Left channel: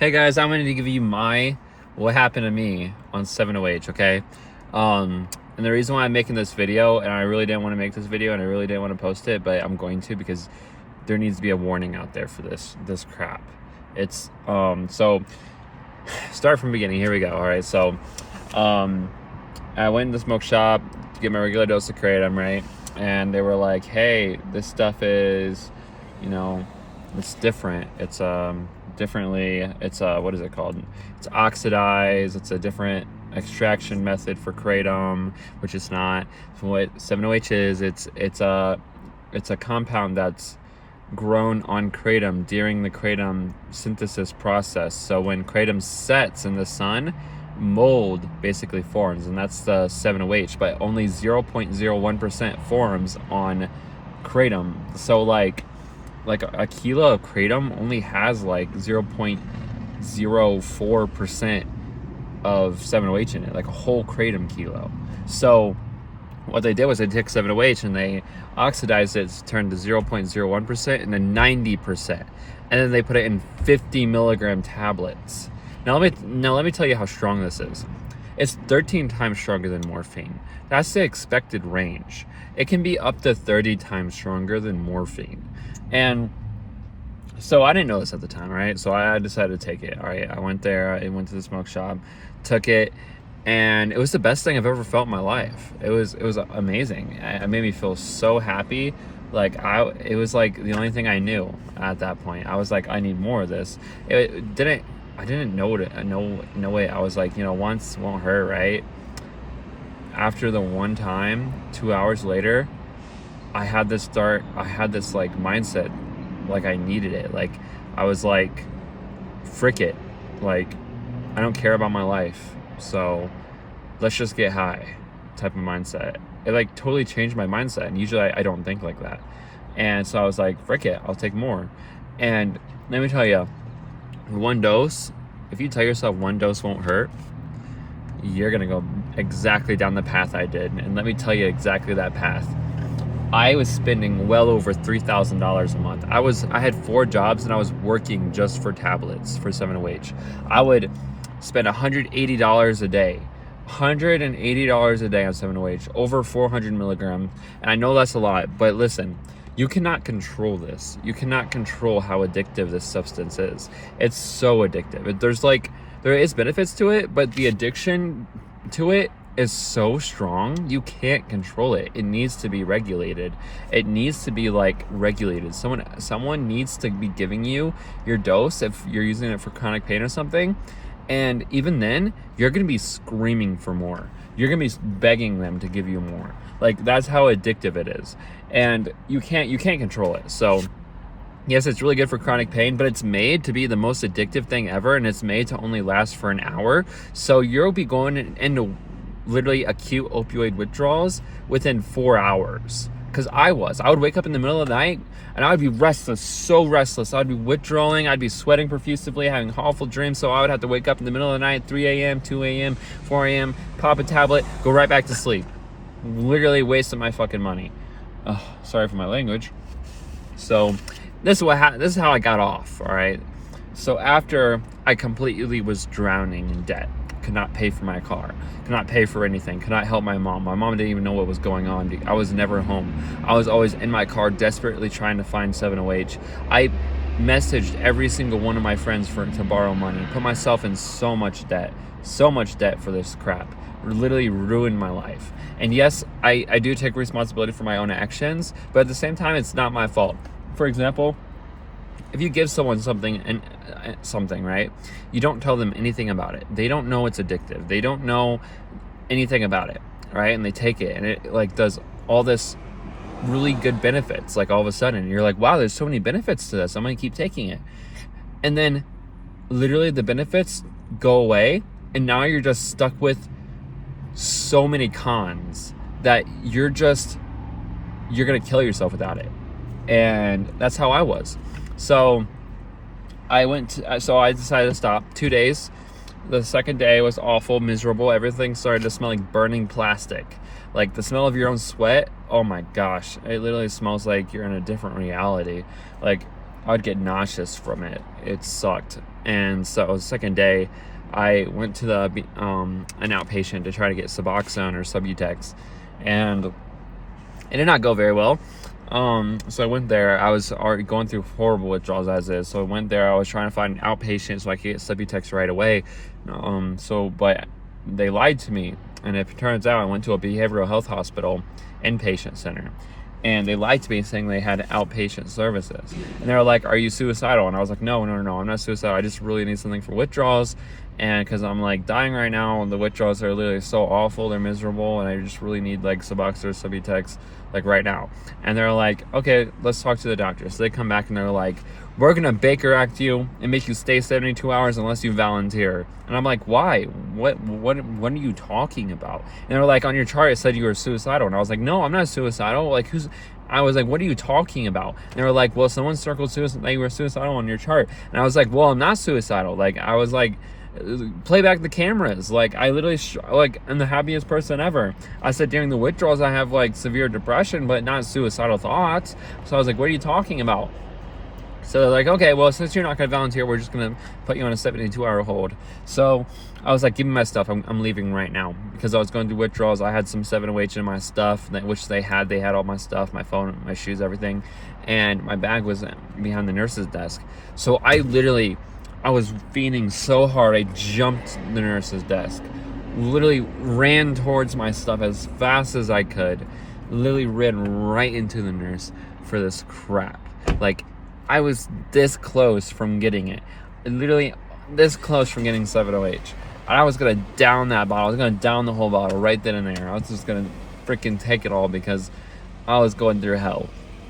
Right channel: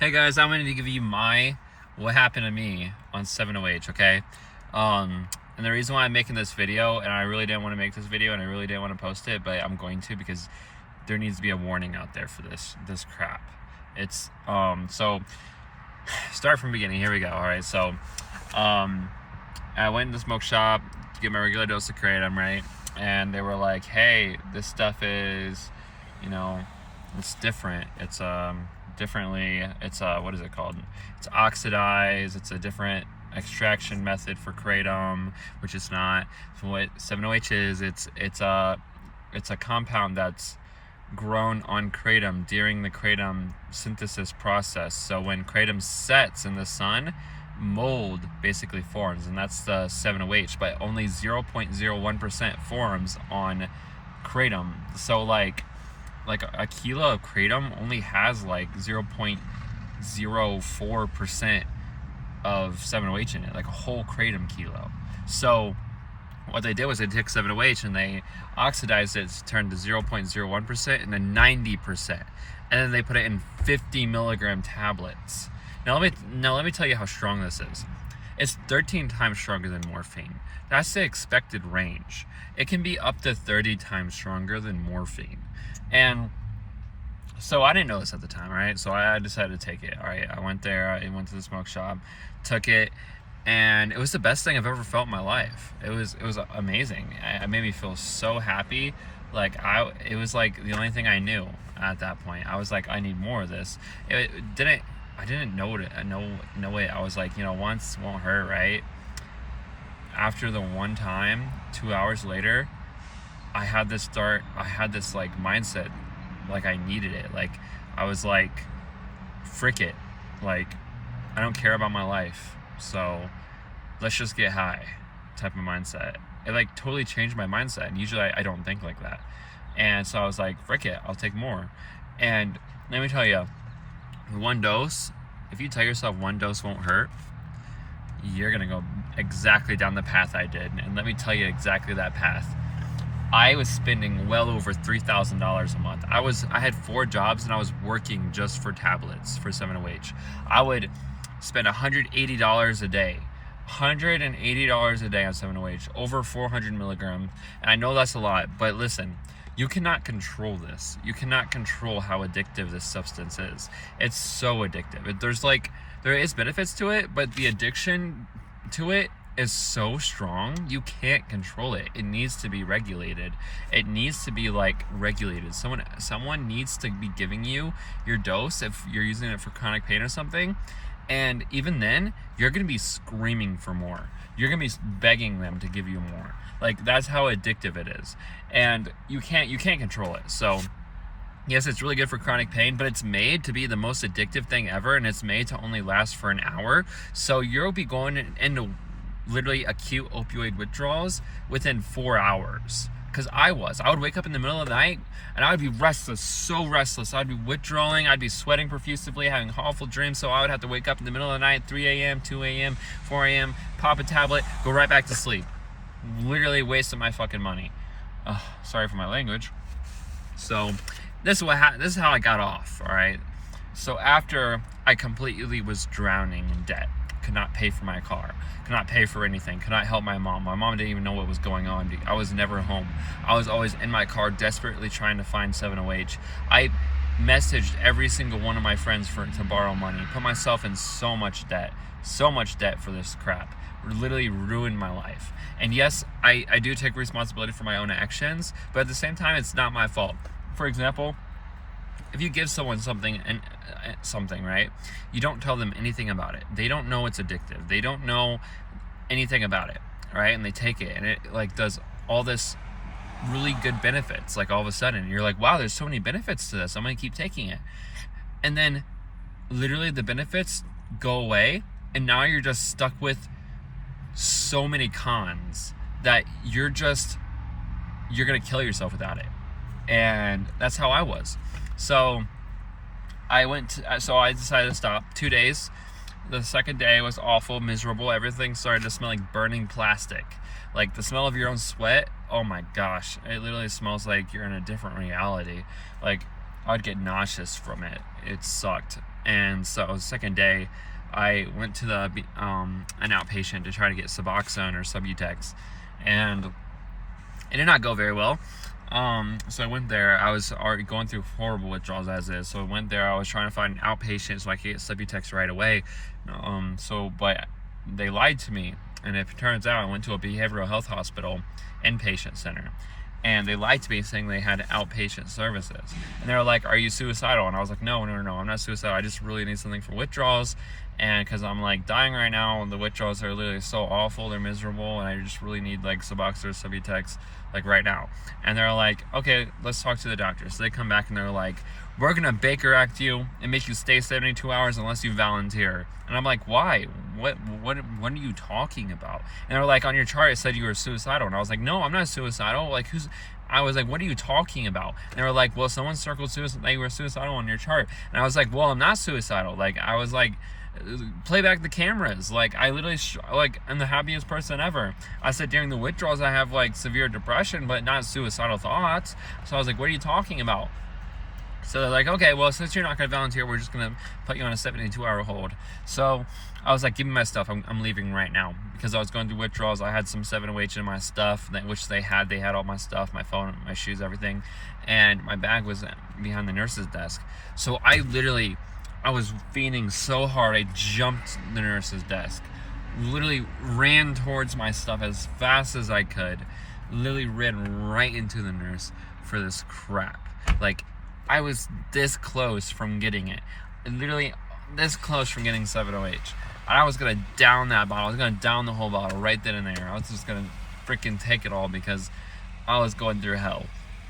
Hey guys, I'm going to give you what happened to me on 7OH, okay? And the reason why I'm making this video, and I really didn't want to make this video and I really didn't want to post it, but I'm going to because there needs to be a warning out there for this crap. It's so start from the beginning. Here we go. All right. So I went in the smoke shop to get my regular dose of kratom, right? And they were like, "Hey, this stuff is, it's different. It's differently. It's what is it called? It's oxidized. It's a different extraction method for kratom, which is not. So what 7OH is, it's a compound that's grown on kratom during the kratom synthesis process. So when kratom sets in the sun, mold basically forms, and that's the 7OH, but only 0.01% forms on kratom. So like a kilo of kratom only has like 0.04% of 7OH in it, like a whole kratom kilo. So what they did was they took 7OH and they oxidized it to turn to 0.01% and then 90%, and then they put it in 50 milligram tablets. Now let me tell you how strong this is. It's 13 times stronger than morphine. That's the expected range. It can be up to 30 times stronger than morphine. And so I didn't know this at the time, right? So I decided to take it. All right, I went there, I went to the smoke shop, took it, and it was the best thing I've ever felt in my life. It was amazing. It made me feel so happy. It was like the only thing I knew at that point. I was like, I need more of this. I didn't know it. I was like, once won't hurt, right? After the one time, 2 hours later, I had this like mindset, like I needed it. Like I was like, frick it. Like I don't care about my life, so let's just get high type of mindset. It like totally changed my mindset, and usually I don't think like that. And so I was like, frick it, I'll take more. And let me tell you, one dose, if you tell yourself one dose won't hurt, you're gonna go exactly down the path I did. And let me tell you exactly that path. I was spending well over $3,000 a month. I had 4 jobs and I was working just for tablets for 7OH. I would spend $180 a day. $180 a day on 7OH, over 400 milligrams. And I know that's a lot, but listen, you cannot control this. You cannot control how addictive this substance is. It's so addictive. There is benefits to it, but the addiction to it is so strong, you can't control it. It needs to be regulated. It needs to be like regulated. Someone needs to be giving you your dose if you're using it for chronic pain or something. And even then, you're going to be screaming for more. You're going to be begging them to give you more. Like, that's how addictive it is. And you can't control it. So yes, it's really good for chronic pain, but it's made to be the most addictive thing ever, and it's made to only last for an hour. So you'll be going into literally acute opioid withdrawals within 4 hours. Because I would wake up in the middle of the night and I would be restless, so restless. I'd be withdrawing, I'd be sweating profusely, having awful dreams. So I would have to wake up in the middle of the night, 3 a.m., 2 a.m., 4 a.m., pop a tablet, go right back to sleep. Literally wasting my fucking money. Sorry for my language. So this is how I got off, all right? So after I completely was drowning in debt, could not pay for my car, could not pay for anything, could not help my mom. My mom didn't even know what was going on. I was never home. I was always in my car desperately trying to find 7OH. I messaged every single one of my friends to borrow money, put myself in so much debt for this crap. Literally ruined my life. And yes, I do take responsibility for my own actions, but at the same time, it's not my fault. For example, if you give someone something, right, you don't tell them anything about it. They don't know it's addictive. They don't know anything about it, right? And they take it, and it like does all this really good benefits. Like all of a sudden, you're like, wow, there's so many benefits to this. I'm gonna keep taking it. And then, literally, the benefits go away, and now you're just stuck with so many cons that you're gonna kill yourself without it. And that's how I was. So I decided to stop. 2 days. The second day was awful, miserable. Everything started to smell like burning plastic. Like the smell of your own sweat. Oh my gosh. It literally smells like you're in a different reality. Like I would get nauseous from it. It sucked. And so the second day, I went to an outpatient to try to get Suboxone or Subutex, and it did not go very well. So I went there. I was already going through horrible withdrawals as is. So I went there. I was trying to find an outpatient so I could get Subutex right away. But they lied to me, and it turns out I went to a behavioral health hospital inpatient center, and they lied to me saying they had outpatient services. And they were like, "Are you suicidal?" And I was like, No, I'm not suicidal. I just really need something for withdrawals, and because I'm like dying right now, and the withdrawals are literally so awful, they're miserable, and I just really need like Suboxone or Subutex like right now. And they're like, "Okay, let's talk to the doctor." So they come back and they're like, "We're gonna Baker Act you and make you stay 72 hours unless you volunteer." And I'm like, "Why? What are you talking about?" And they're like, "On your chart it said you were suicidal." And I was like, "No, I'm not suicidal. Like, I was like, "What are you talking about?" And they were like, "Well, someone circled suicide, like you were suicidal on your chart." And I was like, "Well, I'm not suicidal." Like, I was like, "Play back the cameras." Like, I literally like, I'm the happiest person ever. I said during the withdrawals I have like severe depression, but not suicidal thoughts. So I was like, "What are you talking about?" So they're like, "Okay, well, since you're not going to volunteer, we're just going to put you on a 72-hour hold." So I was like, "Give me my stuff. I'm leaving right now." Because I was going through withdrawals. I had some 7-OH in my stuff, which they had all my stuff, my phone, my shoes, everything. And my bag was behind the nurse's desk. So I was fiending so hard, I jumped the nurse's desk. Literally ran towards my stuff as fast as I could. Literally ran right into the nurse for this crap. Like, I was this close from getting it. Literally this close from getting 7-OH. I was going to down that bottle. I was going to down the whole bottle right then and there. I was just going to freaking take it all because I was going through hell.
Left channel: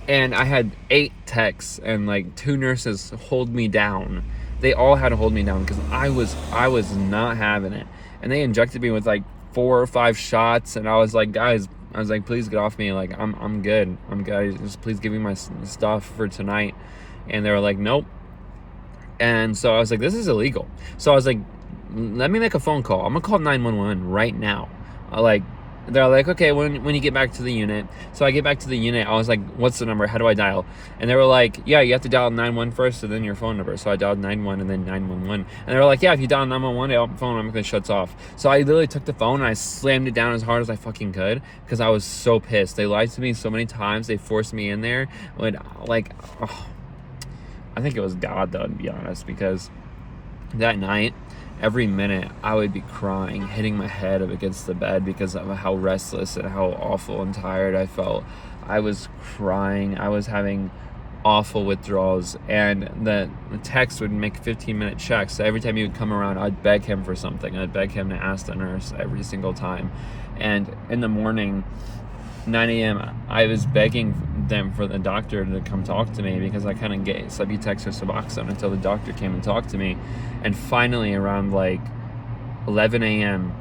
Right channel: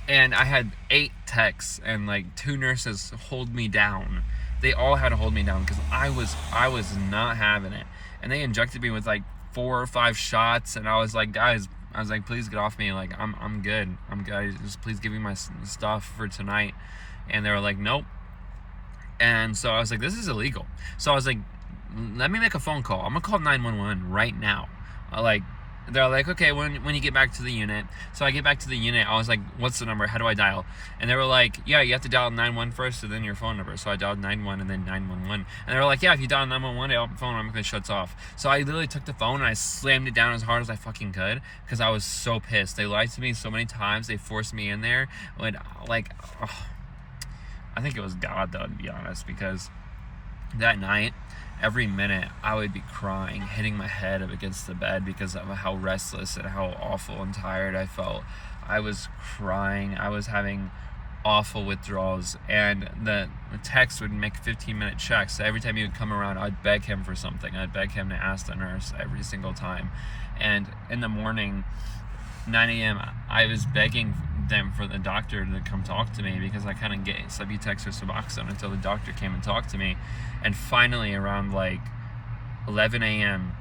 And I had 8 techs and like 2 nurses hold me down. They all had to hold me down because I was not having it. And they injected me with like 4 or 5 shots, and I was like, "Guys," I was like, "please get off me. Like, I'm good. Just please give me my stuff for tonight." And they were like, "Nope." And so I was like, "This is illegal." So I was like, "Let me make a phone call. I'm gonna call 911 right now." They're like, "Okay, when you get back to the unit." So I get back to the unit. I was like, "What's the number? How do I dial?" And they were like, "Yeah, you have to dial 911 first and then your phone number." So I dialed 911 and then 911. And they were like, "Yeah, if you dial 911, the phone automatically shuts off." So I literally took the phone and I slammed it down as hard as I fucking could because I was so pissed. They lied to me so many times. They forced me in there. I think it was God, though, to be honest, because that night, every minute, I would be crying, hitting my head up against the bed because of how restless and how awful and tired I felt. I was crying. I was having awful withdrawals, and the text would make 15-minute checks. So every time he would come around, I'd beg him for something. I'd beg him to ask the nurse every single time. And in the morning, 9 a.m., I was begging them for the doctor to come talk to me because I couldn't get Subutex or Suboxone until the doctor came and talked to me. And finally, around like 11 a.m.,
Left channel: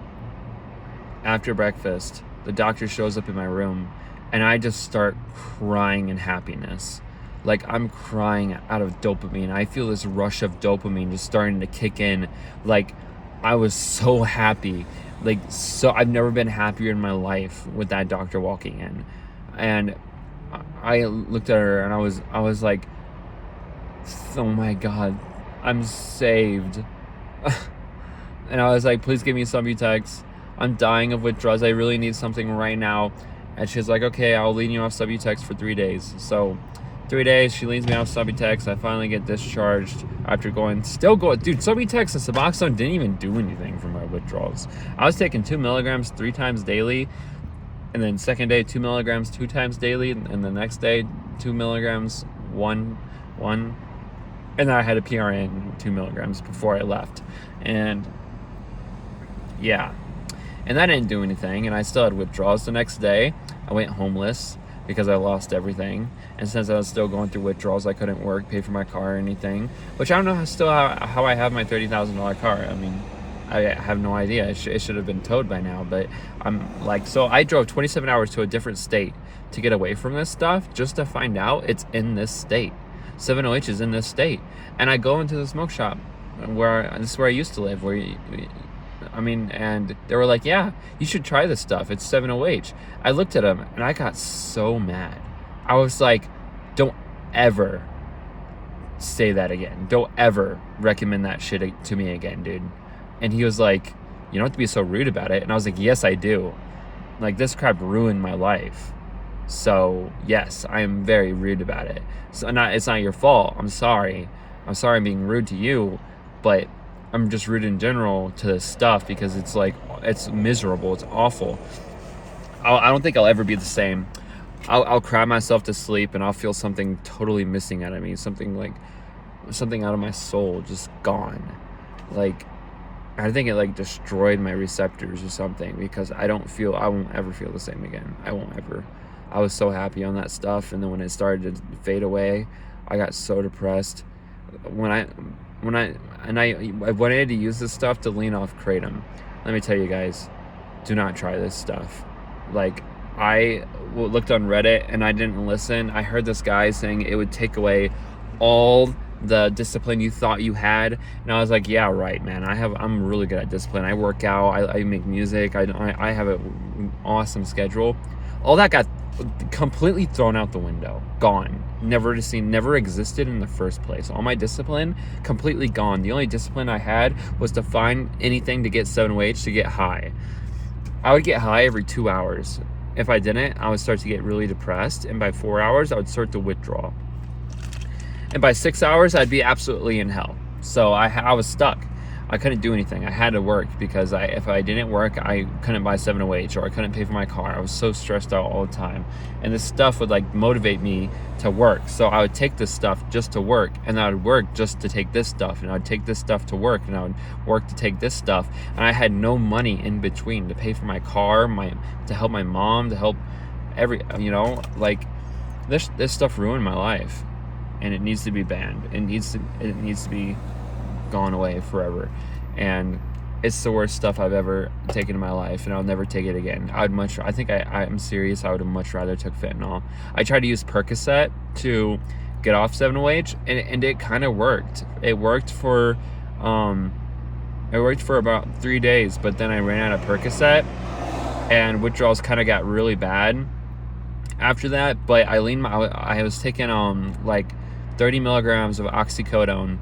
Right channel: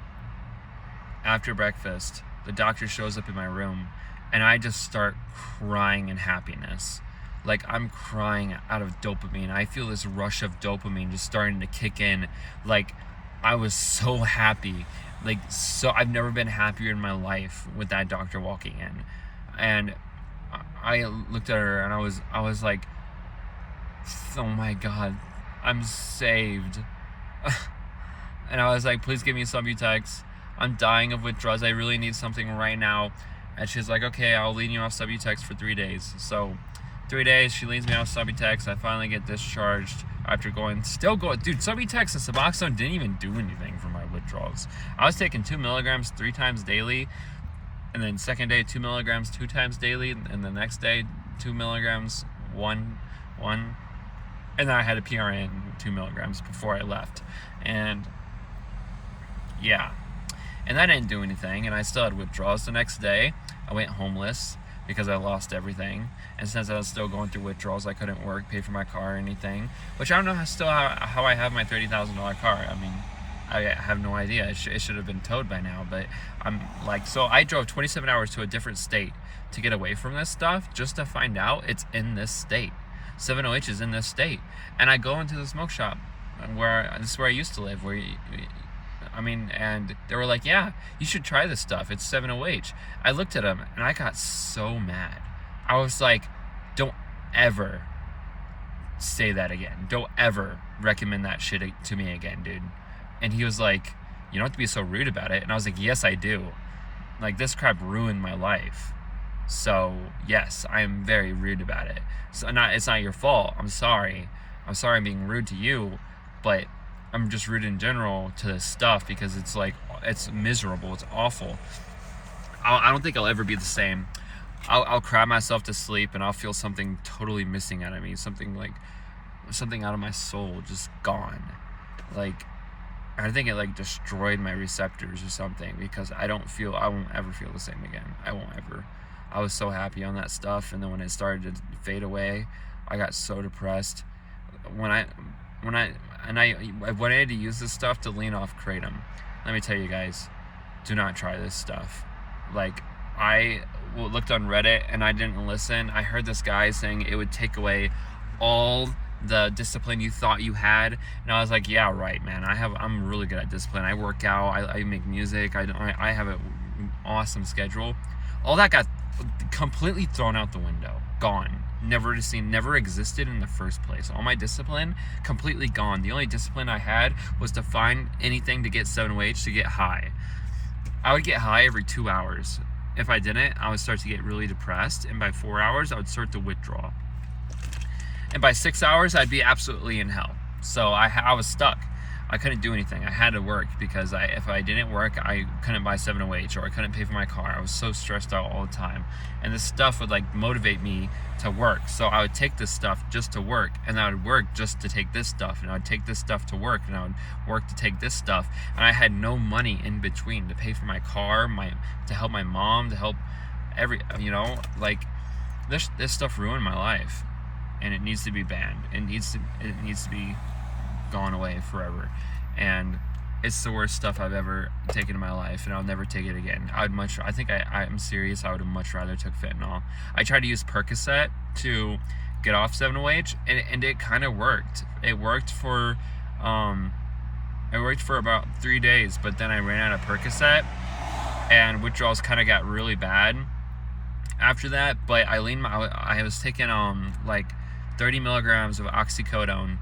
after breakfast, the doctor shows up in my room, and I just start crying in happiness. Like, I'm crying out of dopamine. I feel this rush of dopamine just starting to kick in. Like, I was so happy. So I've never been happier in my life with that doctor walking in. And I looked at her and I was like, "Oh my God, I'm saved." And I was like, "Please give me Subutex. I'm dying of withdrawals. I really need something right now." And she's like, "Okay, I'll lean you off Subutex for 3 days." So 3 days, she leaves me off Subutex. I finally get discharged after still going. Dude, Subutex and Suboxone didn't even do anything for my withdrawals. I was taking 2 milligrams 3 times daily, and then second day 2 milligrams 2 times daily, and the next day 2 milligrams one, and then I had a PRN 2 milligrams before I left, and yeah, and that didn't do anything, and I still had withdrawals. The next day, I went homeless because I lost everything. And since I was still going through withdrawals, I couldn't work, pay for my car or anything. Which I don't know how I have my $30,000 car. I mean, I have no idea. It should have been towed by now. But I'm like, so I drove 27 hours to a different state to get away from this stuff just to find out it's in this state. 7-OH is in this state. And I go into the smoke shop this is where I used to live, and they were like, "Yeah, you should try this stuff. It's 7-OH. I looked at them and I got so mad. I was like, "Don't ever say that again. Don't ever recommend that shit to me again, dude. And he was like, you don't have to be so rude about it. And I was like, yes, I do. Like, this crap ruined my life. So, yes, I am very rude about it. So, it's not your fault. I'm sorry. I'm being rude to you, but I'm just rude in general to this stuff because it's like, it's miserable. It's awful. I don't think I'll ever be the same. I'll cry myself to sleep and I'll feel something totally missing out of me. Something out of my soul just gone. Like, I think it like destroyed my receptors or something because I won't ever feel the same again. I won't ever. I was so happy on that stuff, and then when it started to fade away, I got so depressed. I wanted to use this stuff to lean off kratom. Let me tell you guys, do not try this stuff. Like, I looked on Reddit and I didn't listen. I heard this guy saying it would take away all the discipline you thought you had, and I was like, yeah, right, man. I'm really good at discipline. I work out, I make music, I have an awesome schedule. All that got completely thrown out the window, gone, never to see, never existed in the first place. All my discipline completely gone. The only discipline I had was to find anything to get 7-OH to get high. I would get high every 2 hours. If I didn't, I would start to get really depressed, and by 4 hours I would start to withdraw. And by 6 hours, I'd be absolutely in hell. So I was stuck. I couldn't do anything. I had to work because if I didn't work, I couldn't buy 7-OH or I couldn't pay for my car. I was so stressed out all the time. And this stuff would like motivate me to work. So I would take this stuff just to work, and I would work just to take this stuff, and I would take this stuff to work, and I would work to take this stuff. And I had no money in between to pay for my car, to help my mom, to help like this stuff ruined my life. And it needs to be banned. It needs to be gone away forever. And it's the worst stuff I've ever taken in my life, and I'll never take it again. I think I'm serious. I would have much rather took fentanyl. I tried to use Percocet to get off 7-OH, and it kind of worked. It worked for about 3 days, but then I ran out of Percocet, and withdrawals kind of got really bad after that. But I was taking like 30 milligrams of oxycodone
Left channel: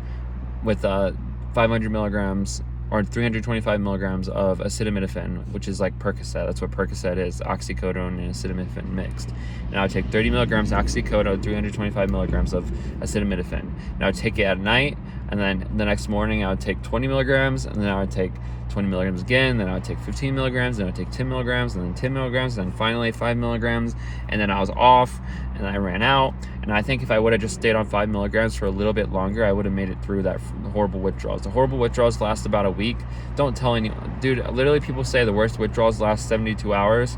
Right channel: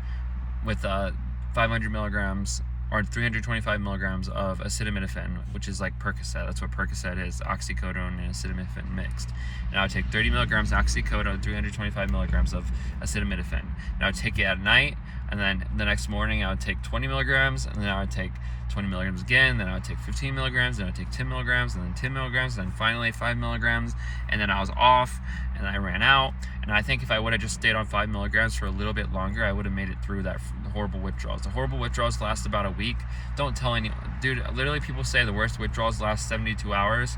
with 500 milligrams or 325 milligrams of acetaminophen, which is like Percocet. That's what Percocet is, oxycodone and acetaminophen mixed. And I would take 30 milligrams oxycodone, 325 milligrams of acetaminophen. And I would take it at night, and then the next morning I would take 20 milligrams, and then I would take 20 milligrams again, then I would take 15 milligrams, then I would take 10 milligrams, and then 10 milligrams, and then finally 5 milligrams, and then I was off, and I ran out. And I think if I would have just stayed on 5 milligrams for a little bit longer, I would have made it through that horrible withdrawals. The horrible withdrawals last about a week. Don't tell anyone. Dude, literally people say the worst withdrawals last 72 hours.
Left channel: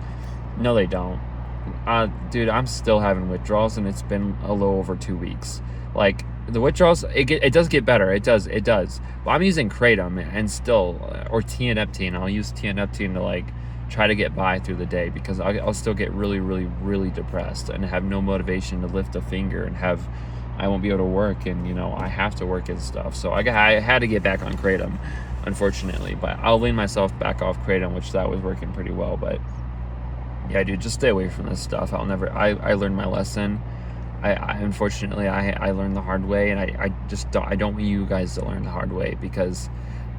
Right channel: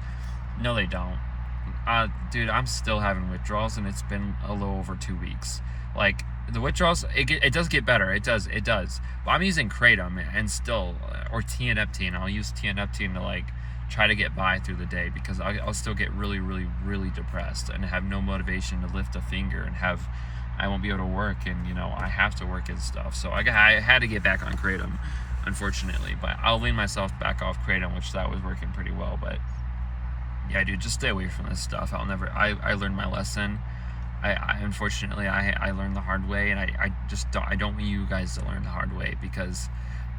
No, they don't. Dude, I'm still having withdrawals, and it's been a little over 2 weeks. Like, the withdrawals, it does get better. It does. But I'm using kratom and still, or tianeptine. I'll use tianeptine to like try to get by through the day, because I'll still get really, really, really depressed and have no motivation to lift a finger, and I won't be able to work, and I have to work and stuff. So I had to get back on kratom, unfortunately. But I'll lean myself back off kratom, which that was working pretty well. But yeah, dude, just stay away from this stuff. I learned my lesson. Unfortunately, I learned the hard way, and I don't want you guys to learn the hard way, because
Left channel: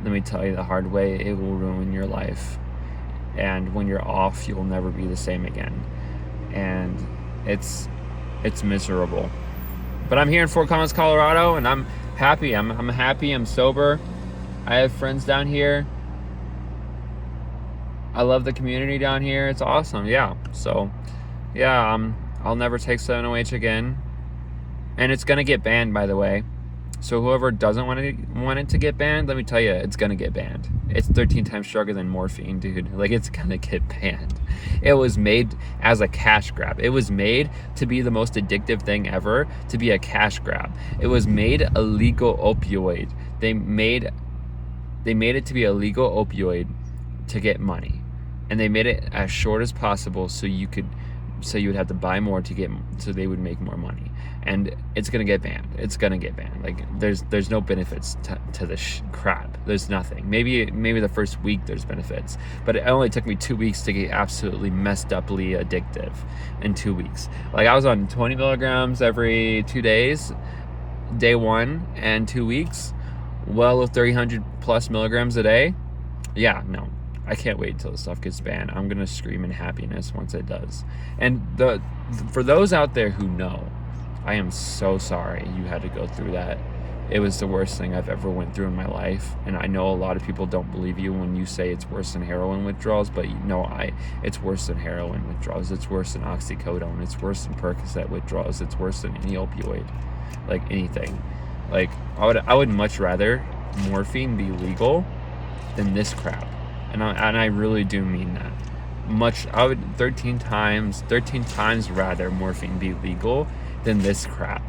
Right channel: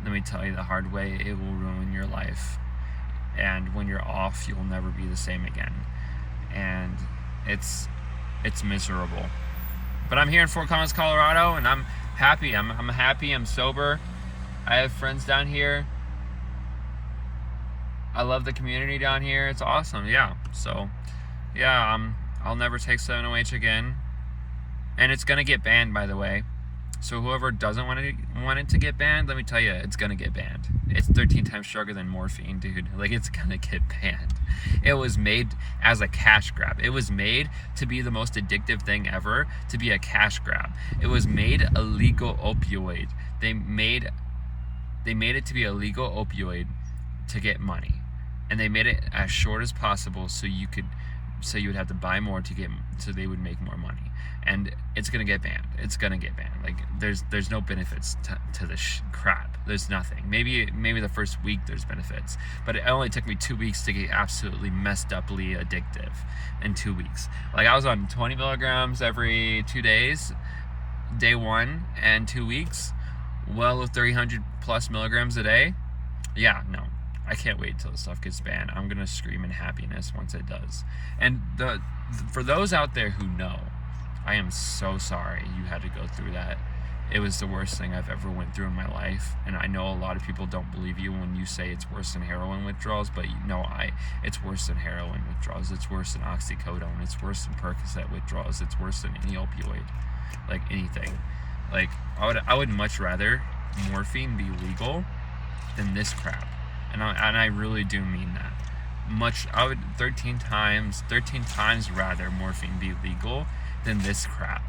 let me tell you, the hard way, it will ruin your life. And when you're off, you'll never be the same again. And it's miserable. But I'm here in Fort Collins, Colorado, and I'm happy. I'm happy. I'm sober. I have friends down here. I love the community down here. It's awesome. Yeah. So, yeah, I'll never take 7-OH again. And it's going to get banned, by the way. So whoever doesn't want it to get banned, let me tell you, it's going to get banned. It's 13 times stronger than morphine, dude. Like, it's going to get banned. It was made as a cash grab. It was made to be the most addictive thing ever, to be a cash grab. It was made a legal opioid. They made it to be a legal opioid to get money. And they made it as short as possible so you would have to buy more so they would make more money. And it's gonna get banned. It's gonna get banned. Like, there's no benefits to this crap. There's nothing. Maybe the first week there's benefits, but it only took me 2 weeks to get absolutely messed uply addictive in 2 weeks. Like, I was on 20 milligrams every 2 days, day 1 and 2 weeks, well, 300 plus milligrams a day. Yeah, no, I can't wait until this stuff gets banned. I'm gonna scream in happiness once it does. And for those out there who know, I am so sorry you had to go through that. It was the worst thing I've ever went through in my life, and I know a lot of people don't believe you when you say it's worse than heroin withdrawals, but it's worse than heroin withdrawals. It's worse than oxycodone. It's worse than Percocet withdrawals. It's worse than any opioid, like anything. Like I would much rather morphine be legal than this crap, and I really do mean that. I would 13 times rather morphine be legal than this crap.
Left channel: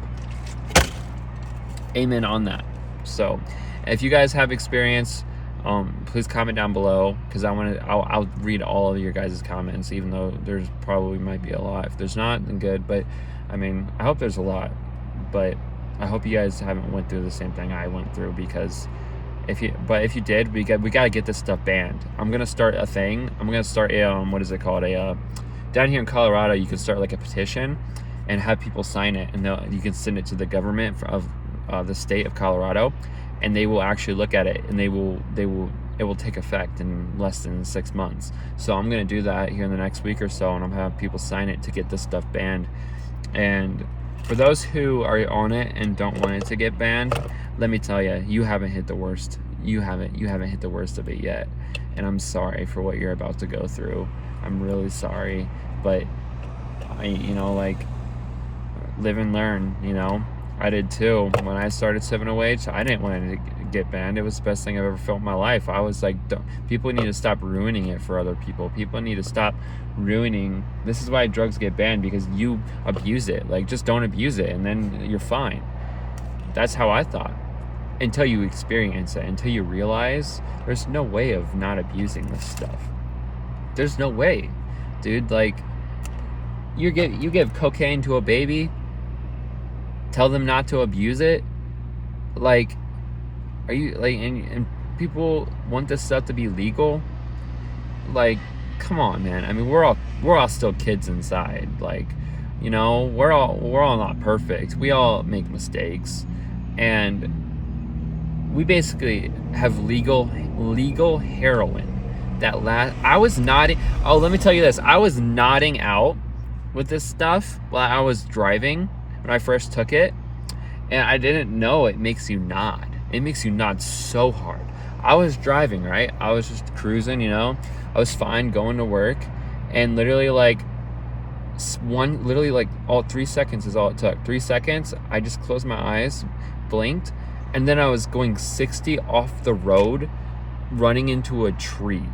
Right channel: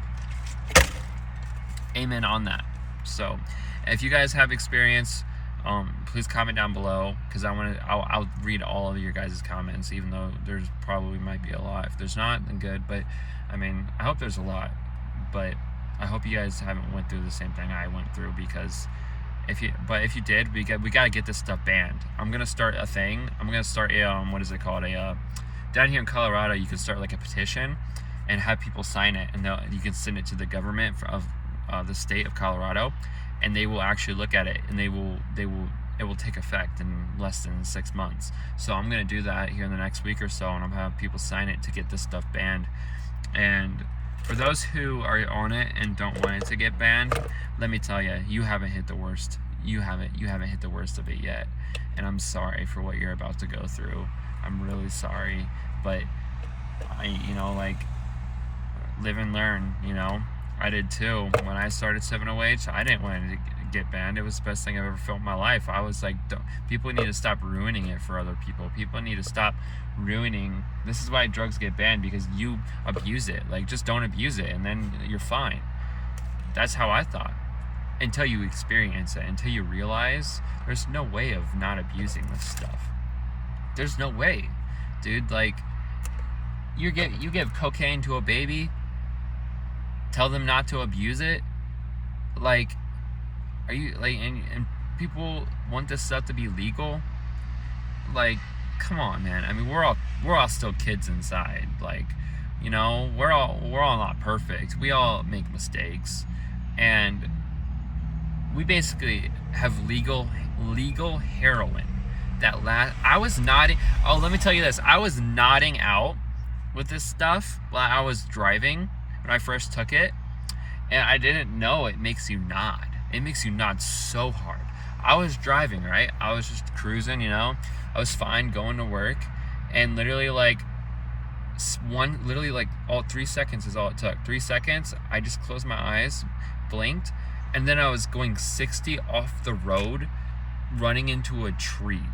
Amen on that. So if you guys have experience, please comment down below, because I'll read all of your guys' comments, even though there's probably might be a lot. If there's not, then good, but I mean, I hope there's a lot, but I hope you guys haven't went through the same thing I went through, because if you did, we gotta get this stuff banned. I'm gonna start a thing. I'm gonna start a what is it called, down here in Colorado, you can start like a petition and have people sign it, and you can send it to the government of the state of Colorado, and they will actually look at it, and it will take effect in less than 6 months. So I'm gonna do that here in the next week or so, and I'm gonna have people sign it to get this stuff banned. And for those who are on it and don't want it to get banned, let me tell you, you haven't hit the worst. You haven't hit the worst of it yet, and I'm sorry for what you're about to go through. I'm really sorry, but like, live and learn. I did too. When I started 708, I didn't want it to get banned. It was the best thing I've ever felt in my life. I was like, people need to stop ruining it for other people. People need to stop ruining. This is why drugs get banned, because you abuse it. Like, just don't abuse it, and then you're fine. That's how I thought. Until you experience it, until you realize there's no way of not abusing this stuff. There's no way, dude. Like, you give cocaine to a baby, tell them not to abuse it. Like, are you like, and people want this stuff to be legal? Like, come on, man. I mean, we're all still kids inside. Like, we're all not perfect. We all make mistakes, and we basically have legal heroin that I was nodding. Oh, let me tell you this. I was nodding out with this stuff while I was driving when I first took it, and I didn't know it makes you nod. It makes you nod so hard. I was driving, right? I was just cruising, I was fine going to work, and literally all 3 seconds is all it took. 3 seconds, I just closed my eyes, blinked, and then I was going 60 off the road, running into a tree.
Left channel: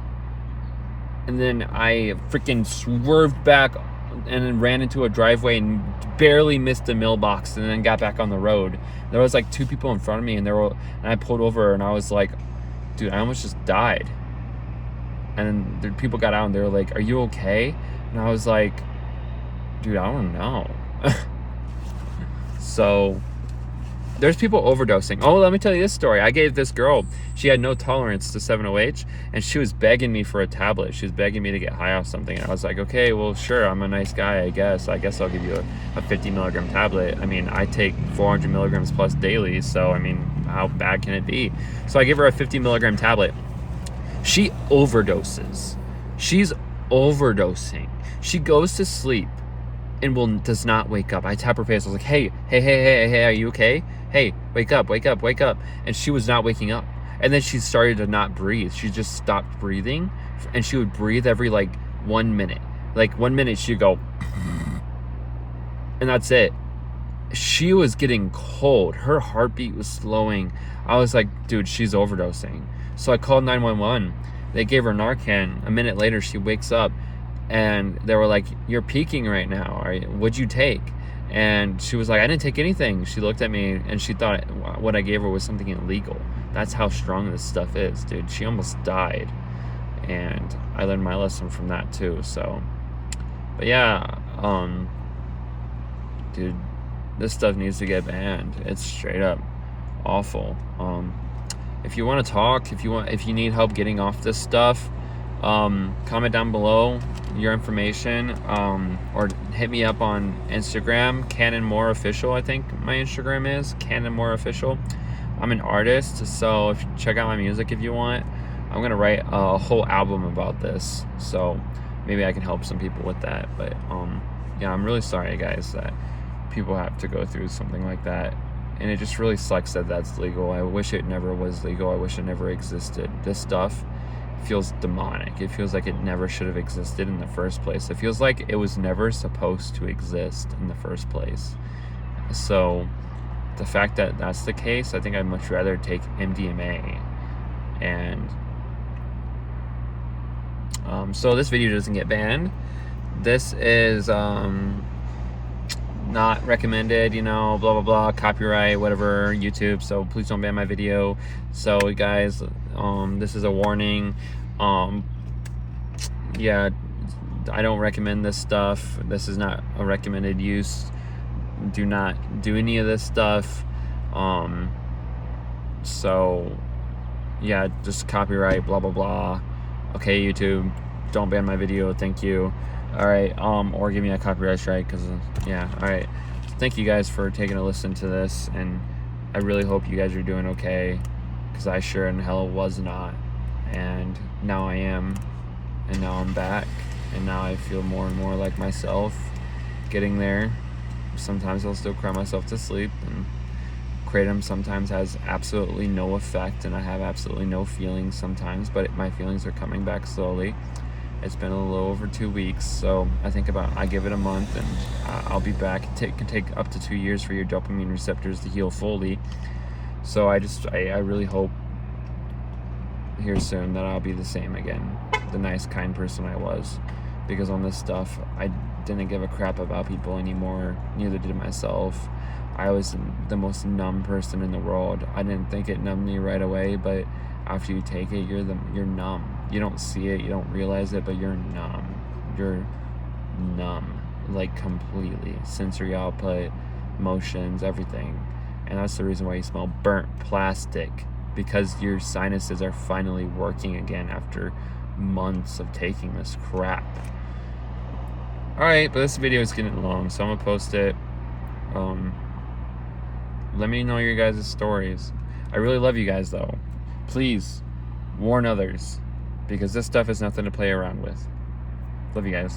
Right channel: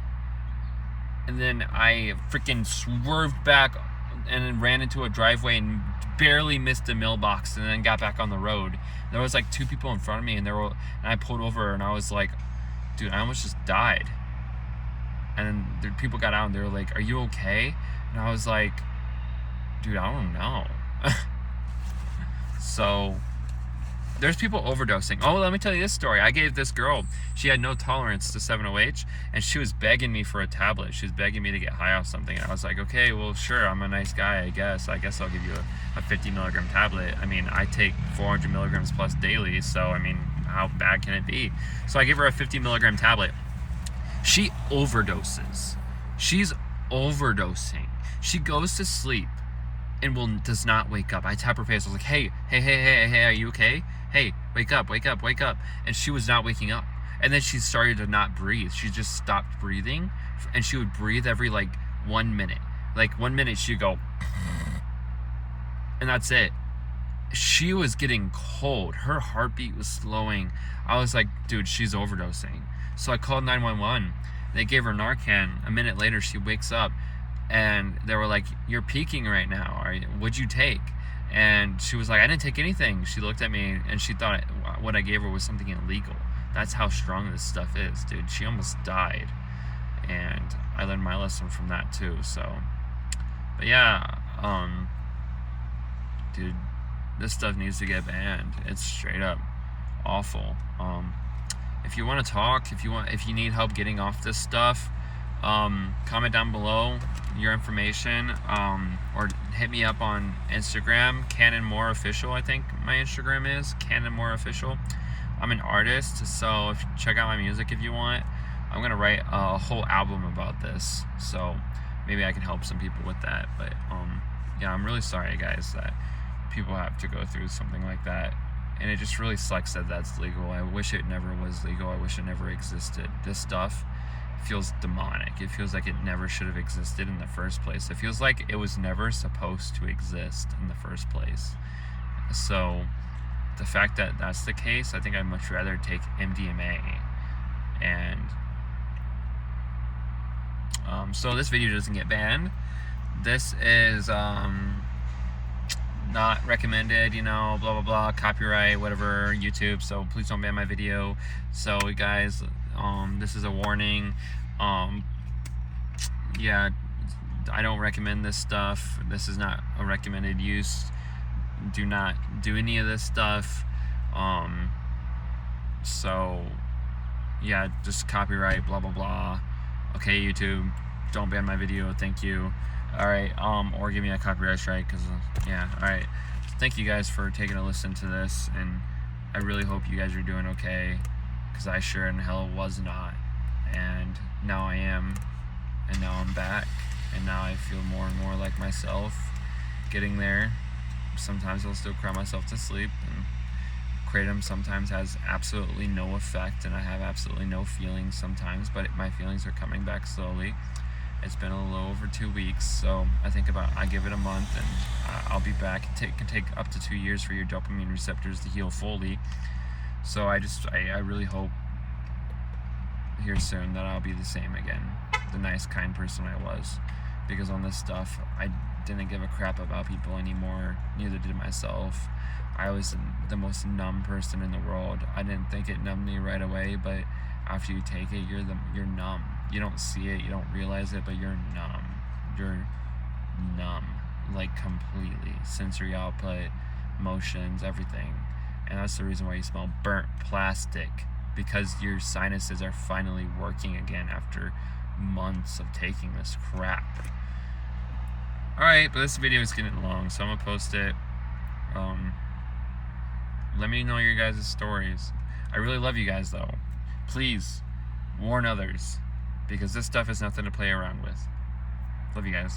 And then I freaking swerved back and then ran into a driveway and barely missed a mailbox, and then got back on the road. There was like 2 people in front of me, and I pulled over, and I was like, dude, I almost just died. And the people got out, and they were like, are you okay? And I was like, dude, I don't know. So there's people overdosing. Oh, let me tell you this story. I gave this girl, she had no tolerance to 7-OH, and she was begging me for a tablet. She was begging me to get high off something. And I was like, okay, well, sure, I'm a nice guy, I guess. I guess I'll give you a 50 milligram tablet. I mean, I take 400 milligrams plus daily, so I mean, how bad can it be? So I give her a 50 milligram tablet. She overdoses. She's overdosing. She goes to sleep and does not wake up. I tap her face. I was like, hey, are you okay? Hey, wake up. And she was not waking up. And then she started to not breathe. She just stopped breathing, and she would breathe every 1 minute. 1 minute she'd go, and that's it. She was getting cold. Her heartbeat was slowing. I was like, dude, she's overdosing. So I called 911. They gave her Narcan. A minute later, she wakes up, and they were like, you're peaking right now. What'd you take? And she was like, I didn't take anything. She looked at me, and she thought what I gave her was something illegal. That's how strong this stuff is, dude. She almost died. And I learned my lesson from that too. So, but yeah, dude, this stuff needs to get banned. It's straight up awful. If you want to talk, if you need help getting off this stuff, Comment down below your information, or hit me up on Instagram, Canon More Official. I think my Instagram is Canon More Official. I'm an artist, so if you check out my music if you want. I'm gonna write a whole album about this, so maybe I can help some people with that. But yeah, I'm really sorry, guys, that people have to go through something like that, and it just really sucks that that's legal. I wish it never was legal. I wish it never existed. This stuff feels demonic. It feels like it never should have existed in the first place. It feels like it was never supposed to exist in the first place. So the fact that that's the case, I think I'd much rather take MDMA. And so this video doesn't get banned. This is not recommended, you know, blah blah blah, copyright, whatever, YouTube, so please don't ban my video. So guys, this is a warning. Yeah, I don't recommend this stuff. This is not a recommended use. Do not do any of this stuff. So yeah, just copyright, blah blah blah. Okay, YouTube, don't ban my video, thank you. All right, or give me a copyright strike, because yeah. All right, thank you guys for taking a listen to this, and I really hope you guys are doing okay, because I sure in hell was not, and now I am, and now I'm back, and now I feel more and more like myself, getting there. Sometimes I'll still cry myself to sleep, and kratom sometimes has absolutely no effect, and I have absolutely no feelings sometimes, but my feelings are coming back slowly. It's been a little over 2 weeks, so I give it a month, and I'll be back. It can take up to 2 years for your dopamine receptors to heal fully. So I really hope here soon that I'll be the same again, the nice, kind person I was. Because on this stuff, I didn't give a crap about people anymore. Neither did myself. I was the most numb person in the world. I didn't think it numbed me right away, but after you take it, you're numb. You don't see it, you don't realize it, but you're numb. You're numb, like completely. Sensory output, motions, everything. And that's the reason why you smell burnt plastic, because your sinuses are finally working again after months of taking this crap. Alright, but this video is getting long, so I'm gonna post it. Let me know your guys' stories. I really love you guys, though. Please warn others, because this stuff is nothing to play around with. Love you guys.